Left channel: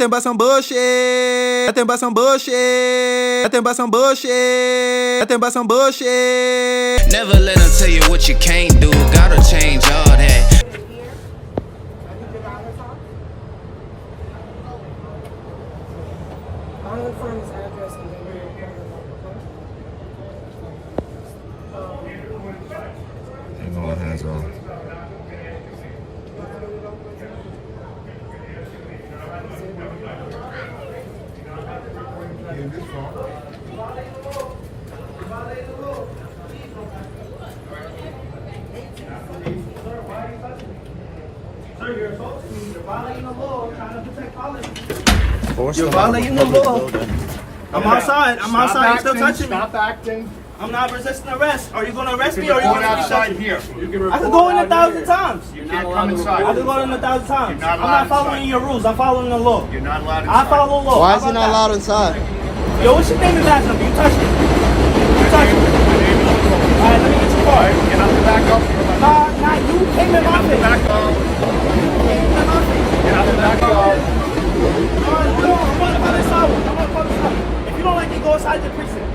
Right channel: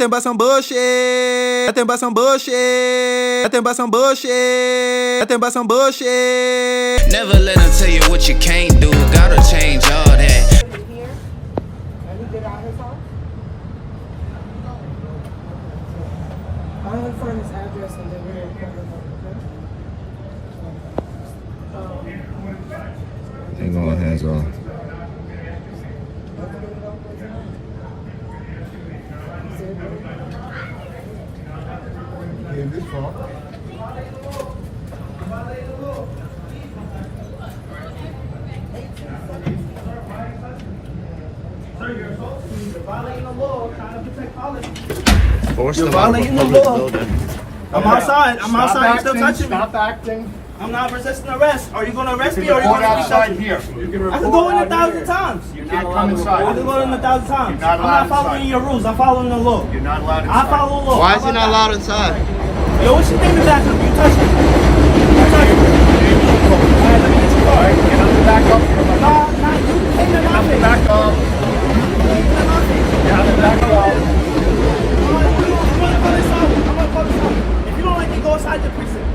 Nothing but some bullshit. Nothing but some bullshit. Nothing but some bullshit. Nothing but some bullshit. Never let them tell you what you can't do. Gotta change all that. I'll find his address and then we're going to Ain't no one hands off. Sir, you're violating the law, trying to protect policy. You're violating the law. I'm outside. I'm outside. You're still touching me. Stop acting. I'm not resisting arrest. Are you going to arrest You me can or are you report going to outside here. You can I report can go in out 1,000 here. times. You're not allowed inside. I can go in 1,000 times. You're not I'm allowed not following inside. your rules. I'm following the law. You're not allowed I inside. follow the law. Why is he not allowed inside? Yo, what's your name, Jackson? You touch me. My name is Nicole. All right, let me get your All car. right, get up the back up. Nah, you came in my Get up the face. back up. Get up the back up. If you don't like me, go inside your precinct.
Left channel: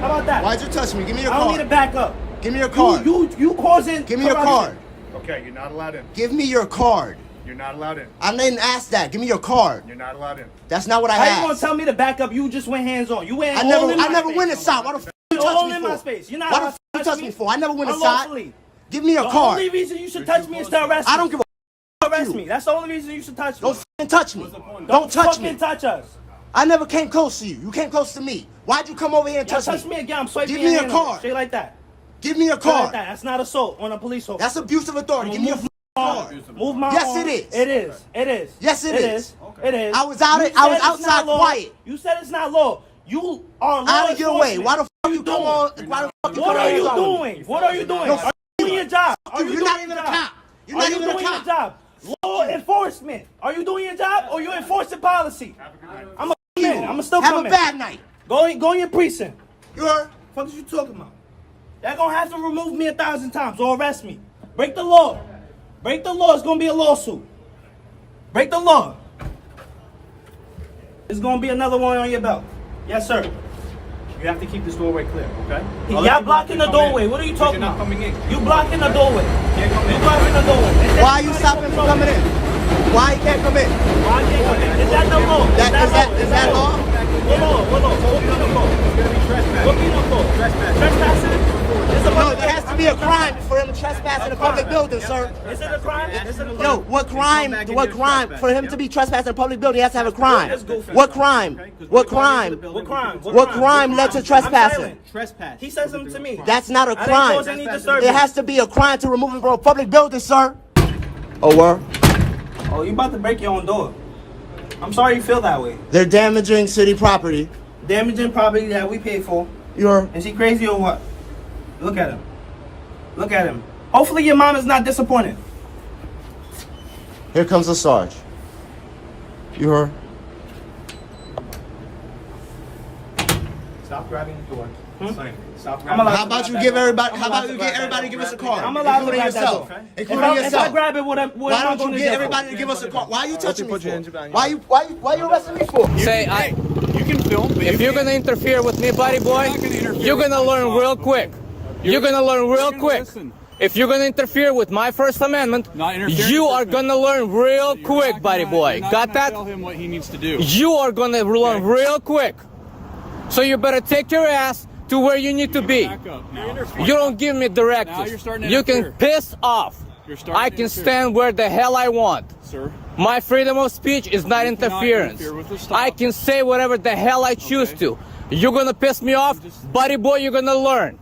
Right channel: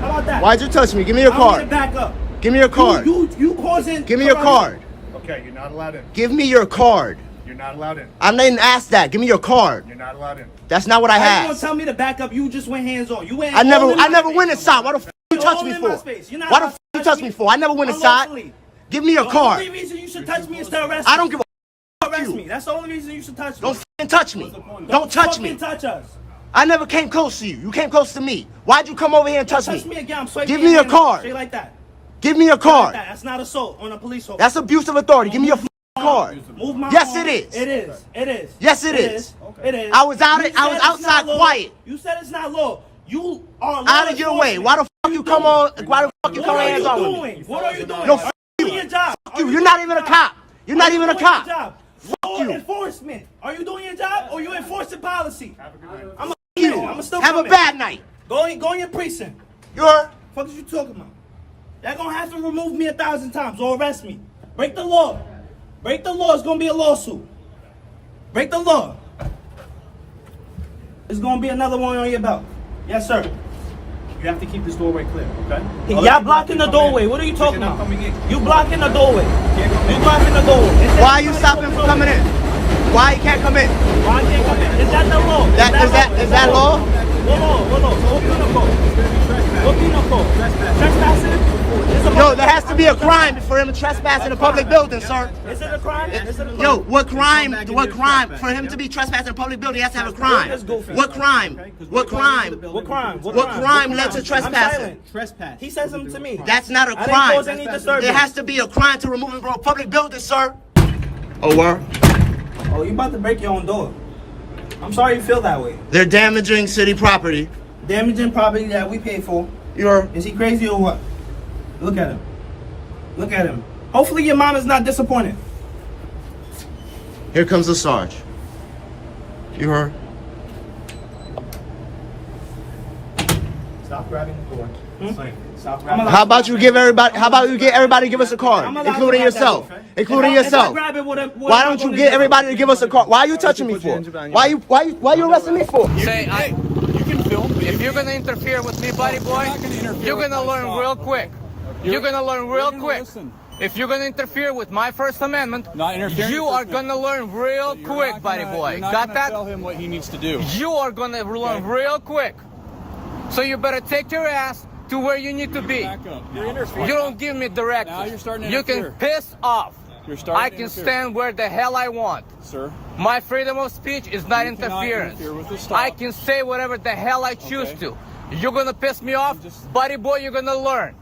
How about that? Why'd you touch me? Give me your I want you card. to back up. Give me your card. You causing. Give me your card. Okay, you're not allowed in. Give me your card. You're not allowed in. I didn't ask that. Give me your card. You're not allowed in. That's not what I How you gonna asked. tell me to back up? You just went hands on. You went. I never all in my went face. inside. Why the f you You're touch all me in for? my space. You're not Why the gonna f you touch touch me me for? I never went inside. unlawfully. Give me your The card. only reason you should touch me is to arrest me. I don't give a arrest me. That's the only reason you should touch me. Don't f***ing touch me. Don't touch fucking me. touch us. I never came close to you. You came close to me. Why'd you come over here and touch Touch me me? again. I'm swiping Give me your hand. card. Say like that. Give me your Say like card. that. That's not assault on a police officer. That's abuse of authority. Give me your f***ing card. Move my Yes, arm. it is. It is. It is. Yes, it is. It is. I was You said it's outside not law. quiet. You said it's not law. You are Out of your way. Why the f you come on? Why the f you What come are hands you on with me? doing? What are you doing? No, Are f you you. doing your job? F you. You're not even a cop. You're not even a cop. Law enforcement. Are you doing your job or you enforcing policy? I'm a You. I'm still Have a coming. bad night. Go in your precinct. You're. What is you talking about? Y'all gonna have to remove me 1,000 times or arrest me. Break the law. Break the law. It's gonna be a lawsuit. Break the law. It's gonna be another one on your belt. Yes, sir. You have to keep this doorway clear, okay? Y'all blocking the doorway. What are you talking You're not about? coming in. You blocking the doorway. Can't come You in. blocking the doorway. Why are you stopping him from coming in? Why he can't come in? Why can't you come in? Is that the law? Is that law? Hold on. What chemical? It's gonna be trespassing. What chemical? Trespassing? Yo, there has to be a crime for him to trespass in a public building, sir. Is it a crime? Is it a Yo, what crime? For him to be trespassing in a public building, he has to have a crime. What crime? What crime? What crime? What crime led to trespassing? silent. Trespass. He said something to me. That's not a I didn't crime. cause any disturbance. There has to be a crime to remove him from a public building, sir. Oh, word? Oh, you about to break your own door. I'm sorry you feel that way. They're damaging city property. Damaging property that we paid for. You're. Is he crazy or what? Look at him. Look at him. Hopefully your mom is not disappointed. Here comes the Sarge. You heard? Stop grabbing the door. Stop I'm grabbing. allowed- How about you get everybody to give us a card, I'm allowed including to grab that yourself, door. including If I yourself. grab it, what am Why I don't you gonna get do? everybody to give us a card? Why are you touching me for? Why you arresting me for? Say, You can film, but if you're gonna interfere with me, buddy boy, not gonna interfere you're with gonna my learn thought, real okay? quick. You're gonna learn real gonna quick. listen. If you're gonna interfere with my First Amendment, Not interfering you with are First gonna learn real You're quick, not buddy gonna- boy. You're not Got gonna that? tell him what he needs to do. You are gonna learn Okay. real quick. So you better take your ass to where you need to be. Back up now. You don't give me directives. Now you're starting to You can interfere. piss off. You're starting I to can interfere. stand where the hell I want. Sir, My freedom of speech is not You cannot interference. interfere with the stop. I can say whatever the hell I choose Okay. to. You're gonna piss me off, buddy boy. You're gonna learn.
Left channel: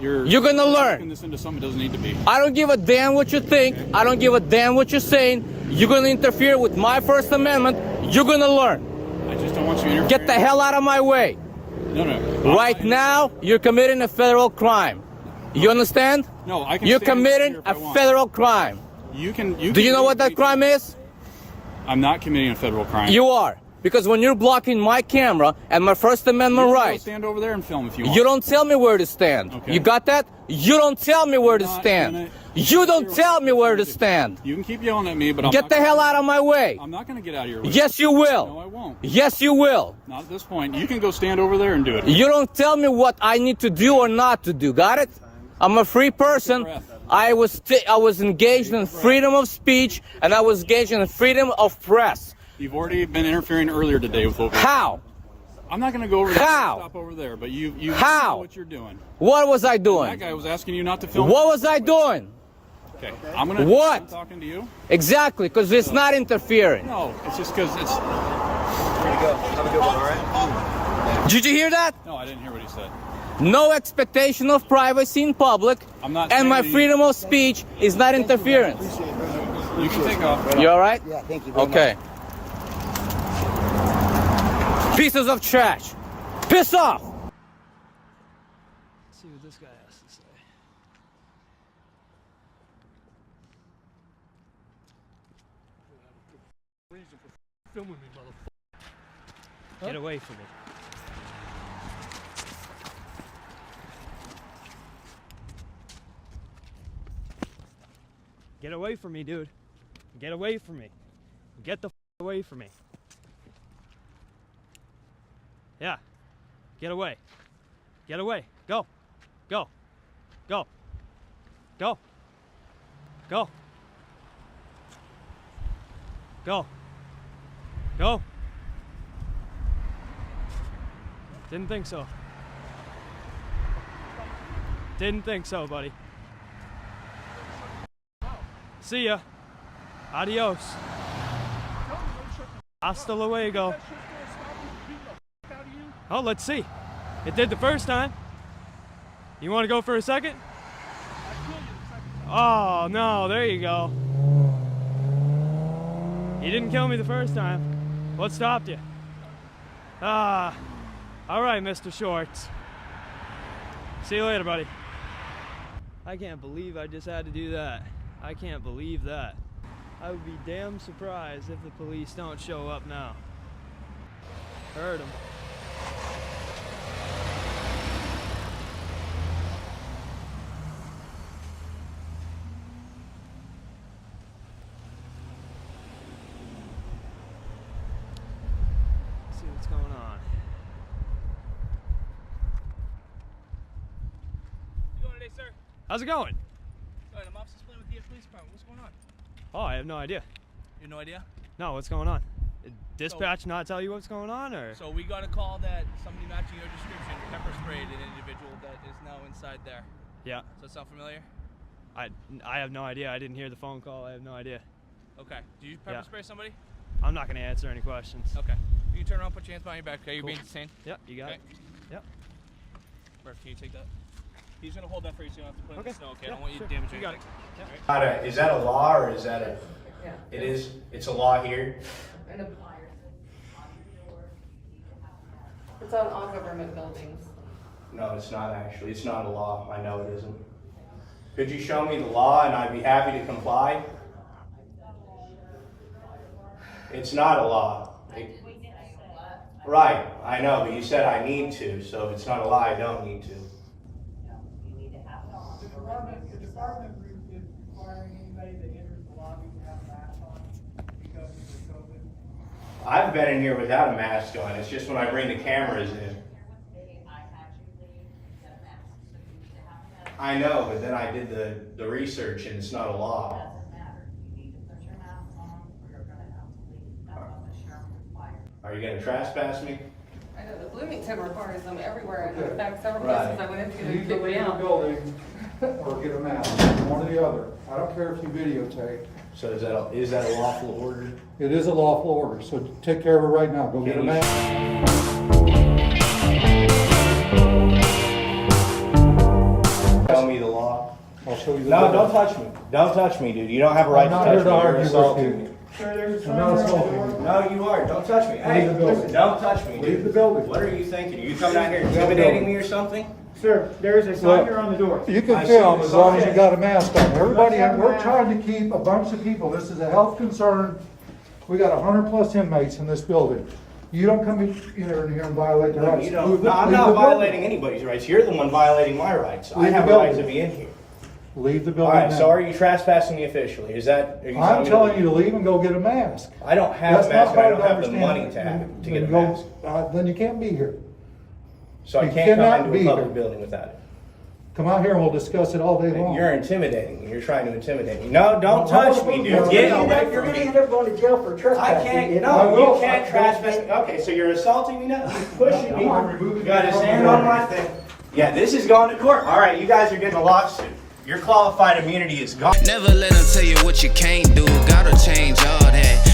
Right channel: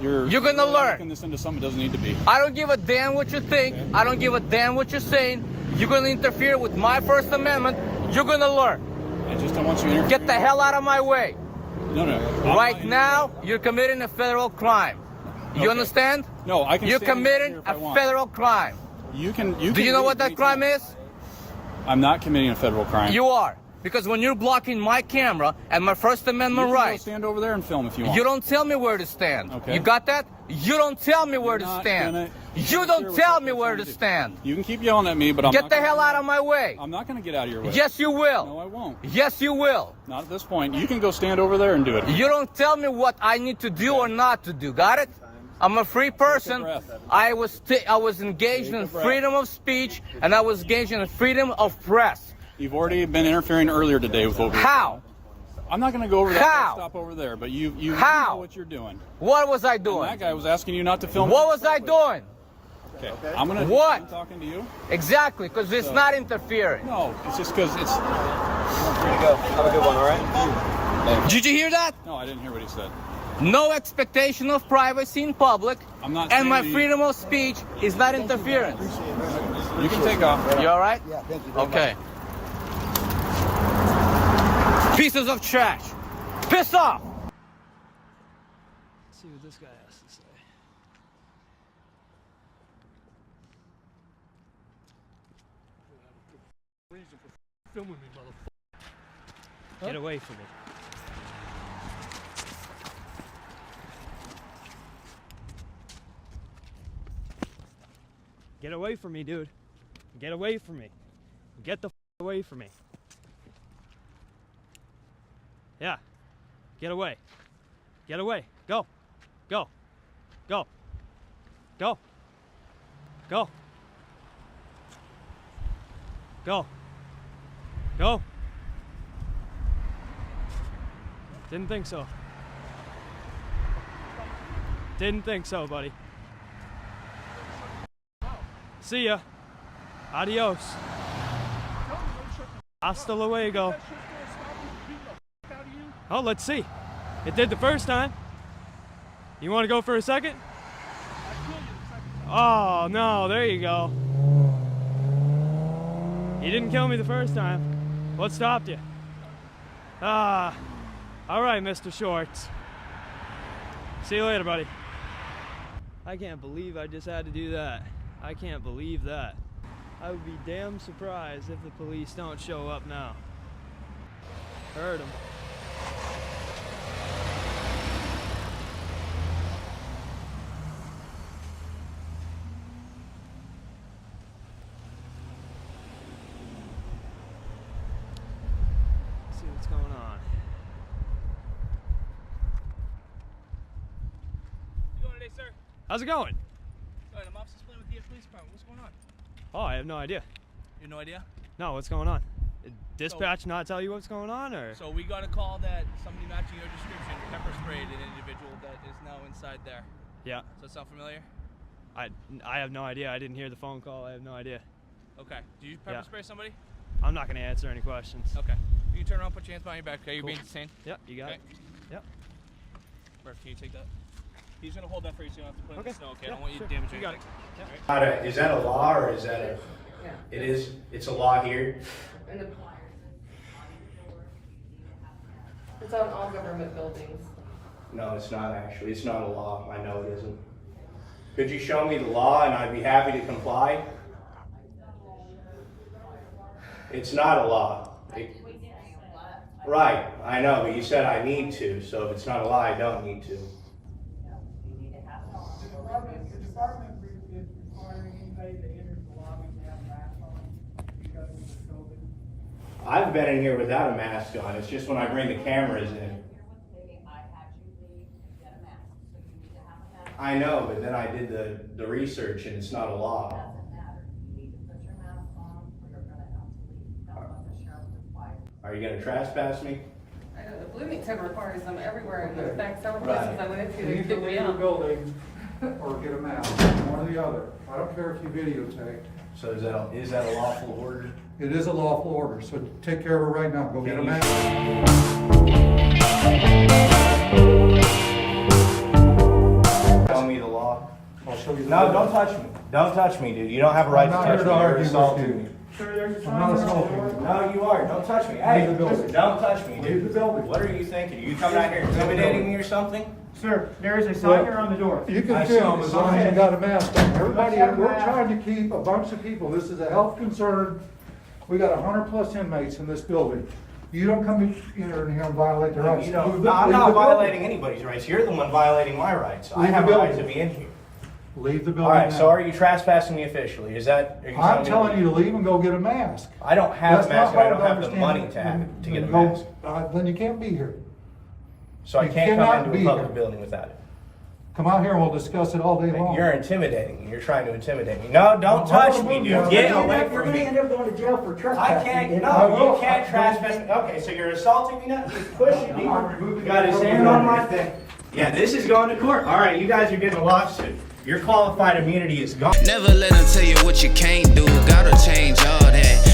You're gonna learn. Making this into something it doesn't need to be. I don't give a damn what you think. Okay. I don't give a damn what you're saying. You're gonna interfere with my First Amendment. You're gonna learn. I just don't want you interfering. Get the hell out of my way. No. Right now, you're committing a federal crime. You Okay. understand? No, I can. You're stand committing here if I a want. federal crime. You can. Do you know what that crime is? I'm not committing a federal crime. You are. Because when you're blocking my camera and my First Amendment You can go rights, stand over there and film if you want. you don't tell me where to stand. Okay. You got that? You don't tell me where to not stand. gonna- You don't tell me where to stand. You can keep yelling at me, but I'm Get not the gonna, hell out of my way. I'm not going to get out of your way. Yes, you will. No, I won't. Yes, you will. Not at this point. You can go stand over there and do it. You don't tell me what I need to do or not to do. Got it? I'm a free person. breath. I was engaged in breath. freedom of speech, and I was engaged in freedom of press. You've already been interfering earlier today with what we. How? I'm not going to go over that. How? Stop over there, but you How? know what you're doing. What was I doing? That guy was asking you not to film. What was I doing? Okay, I'm gonna. What? I'm talking to you. Exactly, because it's not interfering. No, it's just because it's. Did you hear that? No, I didn't hear what he said. No expectation of privacy in public, I'm not and my saying- freedom of speech is not interference. You can take off. You all right? Yeah, thank you. Okay. Pieces of trash. Piss off! Let's see what this guy has to say. Filming me, motherfucker. Get away from me. Get away from me, dude. Get away from me. Get the away from me. Yeah. Get away. Get away. Go. Go. Go. Go. Go. Go. Go. Didn't think so. Didn't think so, buddy. See ya. Adios. Hasta luego. Oh, let's see. It did the first time. You want to go for a second? Oh, no, there you go. You didn't kill me the first time. What stopped you? Ah, all right, Mr. Shorts. See you later, buddy. I can't believe I just had to do that. I can't believe that. I would be damn surprised if the police don't show up now. Heard them. See what's going on. You going today, sir? How's it going? Good. I'm Officer Splint with the police department. What's going on? Oh, I have no idea. You have no idea? No, what's going on? Did dispatch not tell you what's going on, or? So we got a call that somebody matching your description pepper sprayed an individual that is now inside there. Yeah, Does that sound familiar? I have no idea. I didn't hear the phone call. I have no idea. Okay. Did you pepper Yeah. spray somebody? I'm not gonna answer any questions. Okay. You can turn around, put your hands behind your back. Okay, you're Cool. being detained. Yep, you got Okay. it. Yep. Perfect. Can you take that? He's gonna hold that for you so you don't have to put it in Okay. the snow. Okay. I Yeah, don't want you sure. to damage You got anything. it. Is that a law or is that a? It is. It's a law here. It's on all government buildings. No, it's not actually. It's not a law. I know it isn't. Could you show me the law and I'd be happy to comply? It's not a law. Right. I know, but you said I need to. So if it's not a law, I don't need to. The department is requiring anybody that enters the lobby to have masks on because of the COVID. I've been in here without a mask on. It's just when I bring the cameras in. I know, but then I did the research and it's not a law. Are you gonna trespass me? I know, the Bloomington requires them everywhere, and in Okay. fact, several Right. places I went into, You they can kicked me leave the out. building or get a mask, one or the other. I don't care if you videotape. So is that a lawful order? It is a lawful order, so take care of it right now. Go get a Can you- mask. Tell me the law. I'll show you the. No, bill. don't touch me. Don't touch me, dude. You don't have a right I'm to not touch here to me. You're argue with assaulting you. me. I'm not assaulting you. No, you are. Don't touch me. Leave Hey, the building. listen, don't touch me, Leave the dude. building. What are you thinking? Are you coming out here intimidating me or something? Sir, there is a sign here on the door. You can I see film the as long as you sign. got a mask on. Everybody, have a we're mask. trying to keep a bunch of people. This is a health concern. We got 100+ inmates in this building. You don't come in here and violate the rights. You don't, Leave no, I'm the not building. violating anybody's rights. You're the one violating my rights. I Leave the have a right to building. be in here. Leave the All building right, now. so are you trespassing me officially? Is that? are I'm telling you to leave and go get a mask. I don't have That's a not mask, but I hard don't to have the money to understand. get a Then go- mask. Then you can't be here. So I you can't cannot come be into a public here. building without it. Come out here and we'll discuss it all day long. You're intimidating me. You're trying to intimidate me. No, don't No, touch me, dude. Get away You're from gonna me. end up going to jail for I trespassing. can't. I No, will. you can't trespass me. Okay, so you're assaulting me now. You're pushing me. No, I'm removing You got you his from hand the on room. my thing. Yeah, this is going to court. All right, you guys are getting a lawsuit. Your qualified immunity is gone. Never let them tell you what you can't do. Gotta change all that.